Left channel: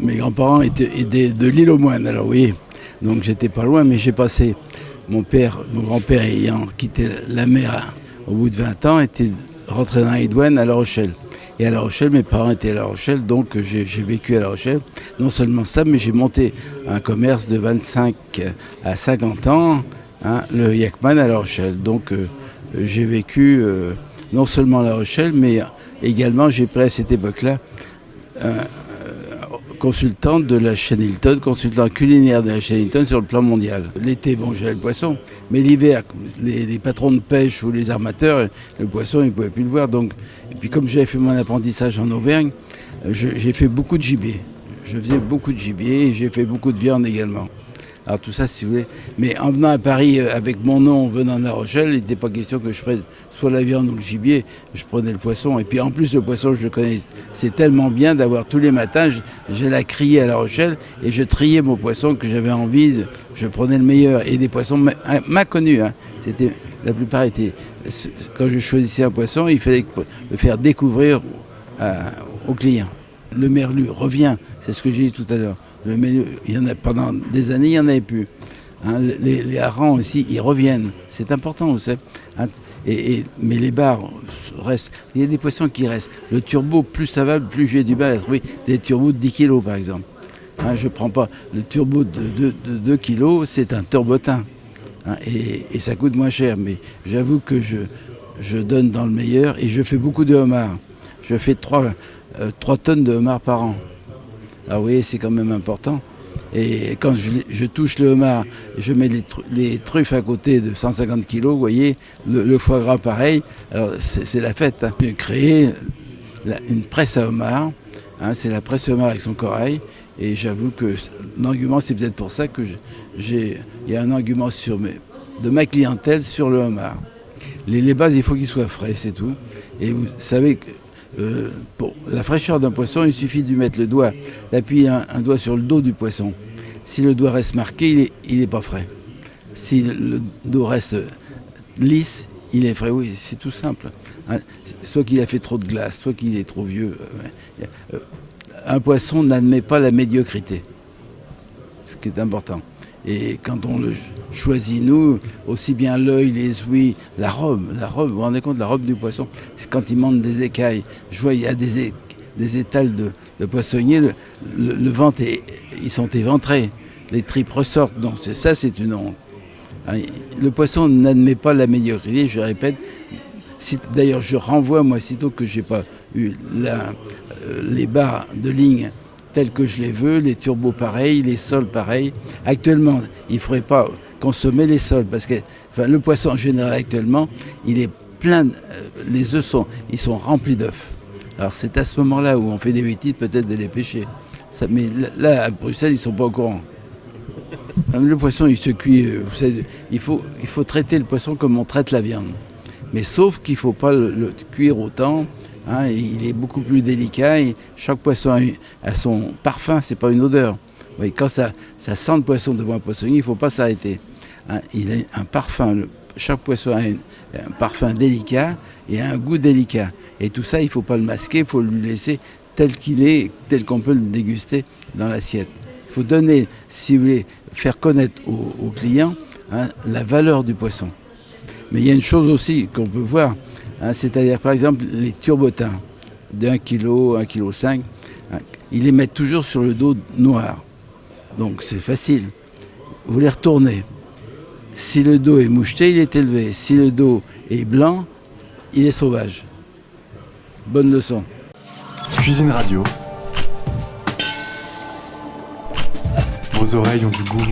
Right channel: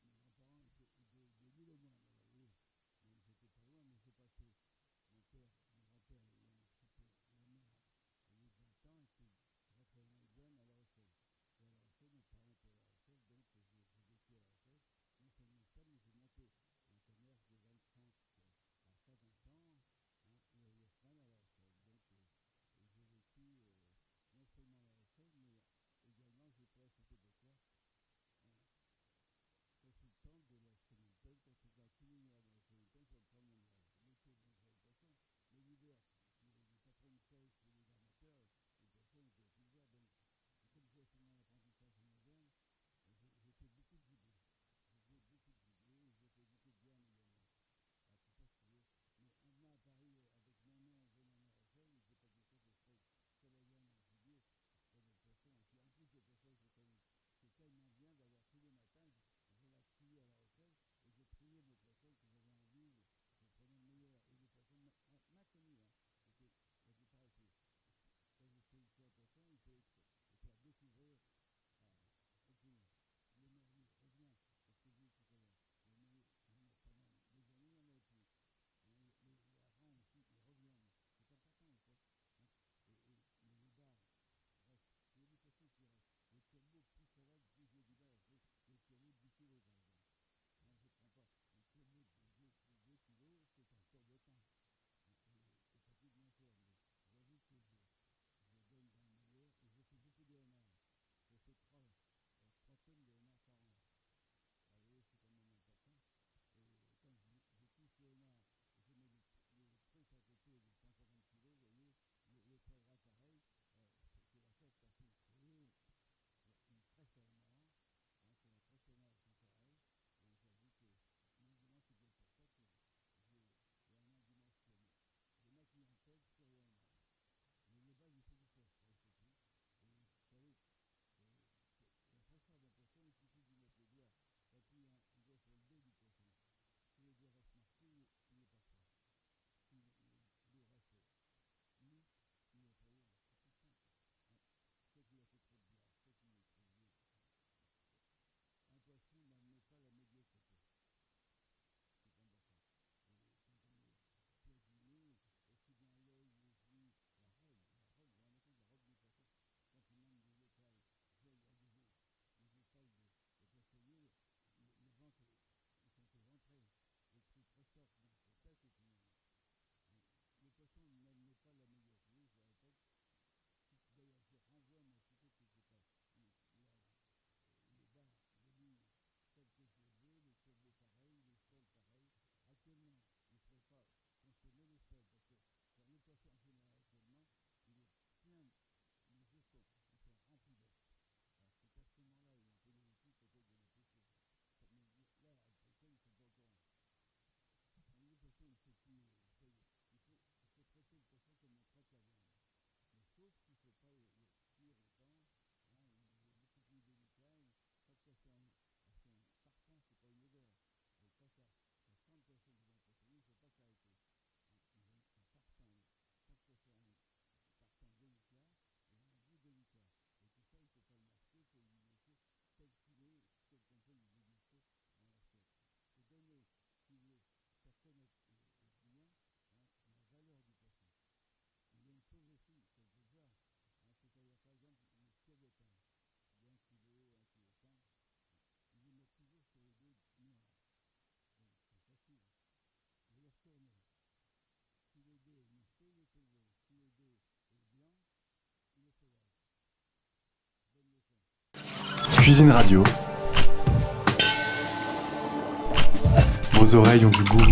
mes grands-parents étaient de l'île aux Moines, alors oui. Donc j'étais pas loin, mais j'ai passé, mon grand-père ayant quitté la mer au bout de 20 ans, était rentré dans les douanes à La Rochelle. Et à La Rochelle, mes parents étaient à La Rochelle, donc j'ai vécu à La Rochelle. Non seulement ça, mais j'ai monté un commerce de 25 à 50 ans, le Yakman à La Rochelle. Donc j'ai vécu non seulement à La Rochelle, mais également j'ai pris à cette époque-là consultant de la chaîne Hilton, consultant culinaire de la chaîne Hilton sur le plan mondial. L'été, bon, j'avais le poisson, mais l'hiver, les patrons de pêche ou les armateurs, le poisson, ils ne pouvaient plus le voir. Donc, et puis comme j'avais fait mon apprentissage en Auvergne, j'ai fait beaucoup de gibier. Je faisais beaucoup de gibier et j'ai fait beaucoup de viande également. Alors tout ça, si vous voulez. Mais en venant à Paris avec mon nom, venant de La Rochelle, il n'était pas question que je prenne soit la viande ou le gibier. Je prenais le poisson. Et puis en plus, le poisson, je le connais. C'est tellement bien d'avoir tous les matins, j'allais la crier à La Rochelle et je triais mon poisson que j'avais envie. Je prenais le meilleur. Et des poissons connus. La plupart étaient. Quand je choisissais un poisson, il fallait le faire découvrir aux clients. Le merlu revient, c'est ce que j'ai dit tout à l'heure. Le merlu, il y en a, pendant des années, il n'y en avait plus. Les harengs aussi, ils reviennent. C'est important, vous savez. Mais les bars restent. Il y a des poissons qui restent. Le turbo, plus ça va, plus j'ai du mal à trouver des turbos de 10 kilos, par exemple. Je ne prends pas. Le turbo de 2 kilos, c'est un turbotin. Et ça coûte moins cher. Mais j'avoue que je donne dans le meilleur et je fais beaucoup de homards. Je fais 3 tonnes de homards par an. Alors oui, c'est quand même important. Et quand je touche le homard, je mets les truffes à côté de 150 kilos, vous voyez, le foie gras pareil, alors c'est la fête. J'ai créé une presse à homard, c'est la presse à homard avec son corail, et j'avoue que l'argument, c'est peut-être pour ça que il y a un argument de ma clientèle sur le homard. Les bases, il faut qu'ils soient frais, c'est tout. Et vous savez que pour la fraîcheur d'un poisson, il suffit de mettre le doigt, d'appuyer un doigt sur le dos du poisson. Si le doigt reste marqué, il n'est pas frais. Si le dos reste lisse, il est frais. Oui, c'est tout simple. Soit qu'il a fait trop de glace, soit qu'il est trop vieux. Un poisson n'admet pas la médiocrité, ce qui est important. Et quand on le choisit, nous, aussi bien l'œil, les ouïes, la robe, vous vous rendez compte, la robe du poisson, c'est quand il monte des écailles. Je vois, il y a des étals de poissonniers, le ventre, ils sont éventrés, les tripes ressortent. Donc ça, c'est une honte. Le poisson n'admet pas la médiocrité, je répète. D'ailleurs, je renvoie, moi, sitôt que je n'ai pas eu les barres de ligne tels que je les veux, les turbos pareils, les sols pareils. Actuellement, il ne faudrait pas consommer les sols parce que le poisson en général actuellement, il est plein, les œufs ils sont remplis d'œufs. Alors c'est à ce moment-là où on fait des bêtises peut-être de les pêcher. Mais là, à Bruxelles, ils ne sont pas au courant. Le poisson, il se cuit, vous savez, il faut traiter le poisson comme on traite la viande. Mais sauf qu'il ne faut pas le cuire autant. Il est beaucoup plus délicat et chaque poisson a son parfum, c'est pas une odeur. Oui, quand ça sent le poisson devant un poissonnier, il ne faut pas s'arrêter. Il a un parfum, chaque poisson a un parfum délicat et un goût délicat. Et tout ça, il ne faut pas le masquer, il faut le laisser tel qu'il est, tel qu'on peut le déguster dans l'assiette. Il faut donner, si vous voulez, faire connaître aux clients la valeur du poisson. Mais il y a une chose aussi qu'on peut voir, c'est-à-dire par exemple les turbotins de 1 kg, 1,5 kg, ils les mettent toujours sur le dos noir. Donc c'est facile. Vous les retournez. Si le dos est moucheté, il est élevé. Si le dos est blanc, il est sauvage. Bonne leçon. Cuisine Radio. Vos oreilles ont du goût.